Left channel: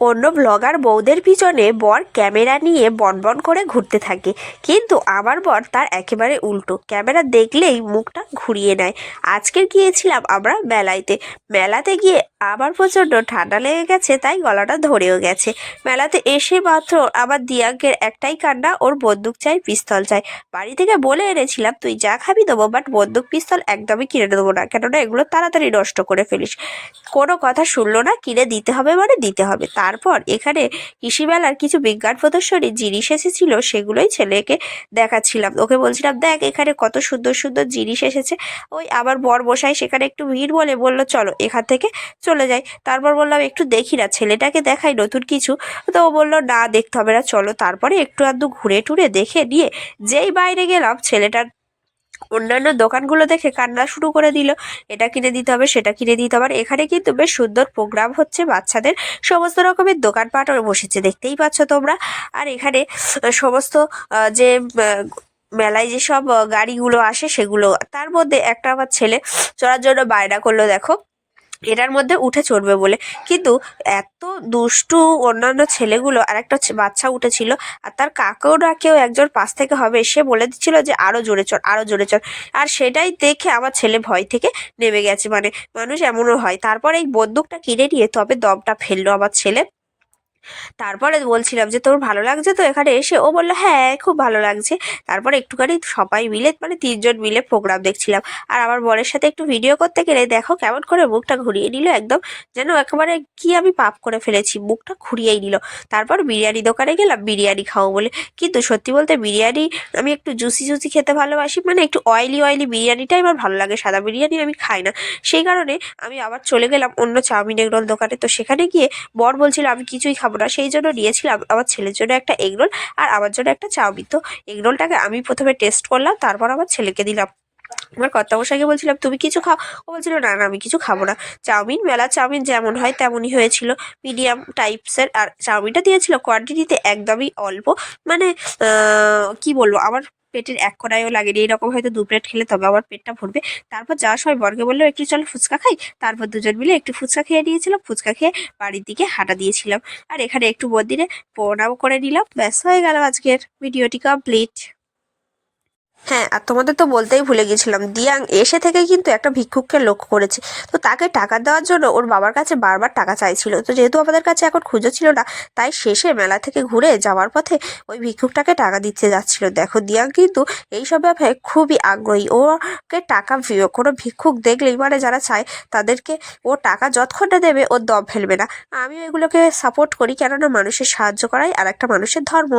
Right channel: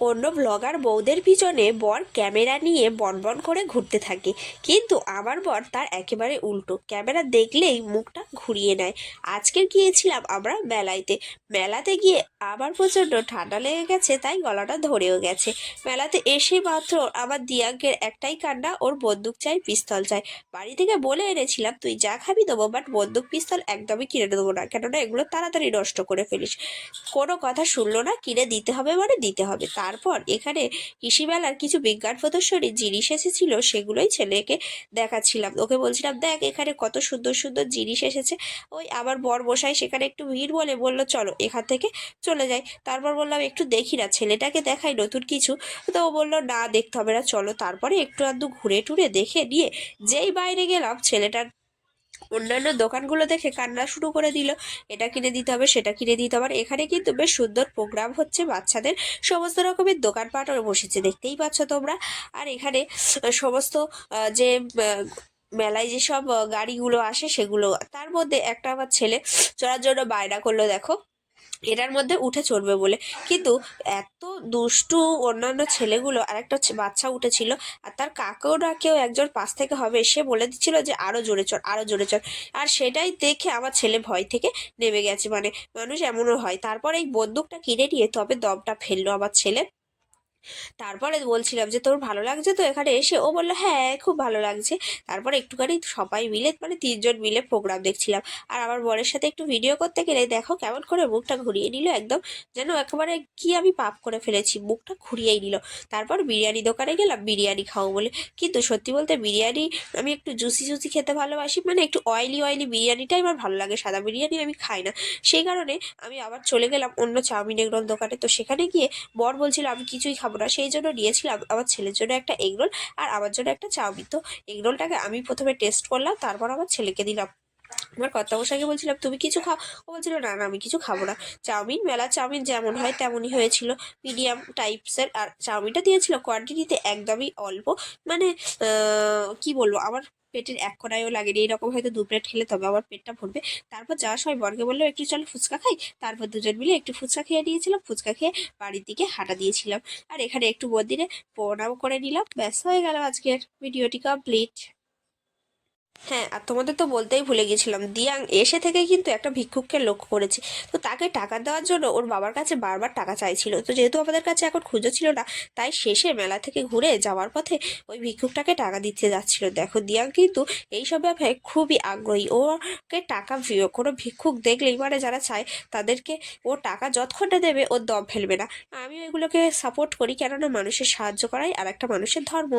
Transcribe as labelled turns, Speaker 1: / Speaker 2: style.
Speaker 1: অন্য ব্লগার বউদের পিছনে বর ক্যামেরা নিয়ে বনবন করে ঘুরতে থাকে। কিন্তু আমার বর তার একেবারে উল্টো। ক্যামেরা দেখলেই মুখটা ঘুরিয়ে নেয়। আজকের গিয়েছিলাম আমরা মেলাইতে। মেলাতে গিয়ে আবার প্রচণ্ড ঠান্ডা লেগে গেছে, তাই গলাটা ধরেও গেছে। মেলাতে এসে মাত্র আমার দিয়াঙ্কের একটাই কান্না, ওর বন্দুক চাই, পিস্তল চাই। বাড়ি থেকে বলে এনেছিলাম, তুই যা খাবি দেবো বাট বন্দুক, পিস্তল একদমই কিনে দেবো না। কেননা এগুলো তাড়াতাড়ি নষ্ট করে ফেলিস। কোনো কথা শুনলো না, কিনে দিতে হবে মানে দিতে হবে। তারপর এখানে কৃষি মেলার কিছু বিজ্ঞান প্রদর্শনী জিনিস এসেছিল সেগুলোই ছেলেকে দেখাচ্ছিলাম। ওকে বলছিলাম, দেখ এখানে কত সুন্দর সুন্দর জিনিস এসেছে। ওই আবার বর বসাই সেখানে একটু ভিড় বলে বলল, চলো এখান থেকে চলে যাই। তারপর বললাম, একটু দেখি না, ছেলেটাকে দেখাই নতুন কিছু। তো ও বলল, না, দেখতে হবে না, চলো। তারপরে একটু আধটু ঘুরে টুরে দেখে নিয়ে যেই বাইরে গেলাম, ছেলেটার অন্যান্য দোকানগুলো দেখে কান্না শুরু করে দিল। এটা কিনে দিতে হবে, সেটা কিনে দিতে হবে। আর এখানে কিন্তু বেশ সুন্দর প্রোগ্রাম হচ্ছে বাচ্চাদের। সমস্ত রকমের দোকানপাট বসেছে, দেখতেই পাচ্ছ তোমরা। আর এখানে সমস্ত যে মেলায় যেসব গাড়িগুলো আসে সেগুলো, তার মধ্যে একটা আমার ছেলে চড়ার জন্য বায়না করল, দেখো। এটার মধ্যে উঠে চড়বে বলে। কিন্তু এত দুষ্টু অন্যান্য ছেলেগুলো আর একটা বাচ্চা উঠেছিল আর তার কাকাওরা কেউ একজন পাশ থেকে হবে, সে বলে দিচ্ছিল যে আরও জোরে চড়, আরও জোরে চড়। আর সেটাই দেখে আমার ছেলে ভয় থেকে নেমে গেছে। মানে মানুষ এমনও হয়। তারপর এই বন্দুকটা কিনে নিয়ে তবে দমটা ফেলল আমার ছেলে। তারপরে বলছিলাম যে, তোর ভালো লাগছে তো? এখানে এসে ও বলল হ্যাঁ খুব ভালো লাগছে। তারপরে একটুখানি সবাই মিলে মানে তিনজন মিলে প্রোগ্রাম দেখছিলাম। আর আমার বরের সাথে একটু ভিডিও করতে গেলে দেখো কেমন করে মুখটা ঘুরিয়ে নিল একদম, যেন একেবারে কি আমি পাপ করে ফেলেছি, মুখটা ঘুরিয়েই নিল। তারপর বিরিয়ানি দোকানে গেলাম, বিরিয়ানি খাব বলে। কিন্তু সত্যি বলতে বিরিয়ানি আমি একটু জুসি জুসি খেতে ভালোবাসি মানে একটু অয়েলি অয়েলি বিরিয়ানিটাই আমার ভালো লাগে, সাদা বিরিয়ানি আমি খাই না। সেই কারণে আমি আবার চলে গেলাম অন্য চাউমিন এগরোল দোকানে। তো সেখানে গিয়ে বর বলছিল, আমি কিছুই খাব না। সেই জন্য নিয়েছিলাম আমার ছেলের জন্য একটা এগরোল আর আমার জন্য একটা চাউমিন। তো এগরোলটাকে আমি প্রথমে টেস্ট করলাম, তারপর আমার ছেলেকে দিলাম। আমার কর্তা কর্তামশাইকে বলছিলাম, তুমি কিছু খাও? ও বলছিল, না না, আমি কিছু খাব না। চাউমিন, মেলা চাউমিন যেমন হয় তেমনই হয়েছিল। মিডিয়াম টাইপসের আর চাউমিনটা দিয়েছিল। কোয়ান্টিটিতে একদমই অল্প। মানে কি বলব? আমার পেটের এক কড়াইও লাগেনি এরকম হয়তো দু প্লেট খেলে তবে আমার পেটটা ভরবে। তারপর যাওয়ার সময় বর্গে বলল, একটু চলো ফুচকা খাই। তারপর দুজন মিলে একটু ফুচকা খেয়ে নিয়েছিলাম। ফুচকা খেয়ে বাড়ির দিকে হাঁটা দিয়েছিলাম। আর এখানে একটু মন্দিরে প্রণাম করে নিলাম। ব্যস্ত হয়ে গেল আজকের ভিডিওটি কমপ্লিট হ্যাঁ আর তোমাদের তো বলতেই ভুলে গেছিলাম, দিয়াং এসে থেকে কিন্তু একটা ভিক্ষুককে লক্ষ্য করেছে। তো তাকে টাকা দেওয়ার জন্য ওর বাবার কাছে বারবার টাকা চাইছিল। তো যেহেতু আমাদের কাছে এখন খুঁজো ছিল না, তাই শেষে মেলা থেকে ঘুরে যাওয়ার পথে ওই ভিক্ষুকটাকে টাকা দিতে যাচ্ছিল। দেখো, দিয়াং কিন্তু এইসব ব্যাপারে খুবই আগ্রহী। ওকে টাকা কোনো ভিক্ষুক দেখলেই মানে যারা চায়, তাদেরকে ও টাকা যতক্ষণ না দেবে ওর দম ফেলবে না। আমি এগুলোকে সাপোর্ট করি, কেননা মানুষের সাহায্য করাই আর একটা মানুষের ধর্ম।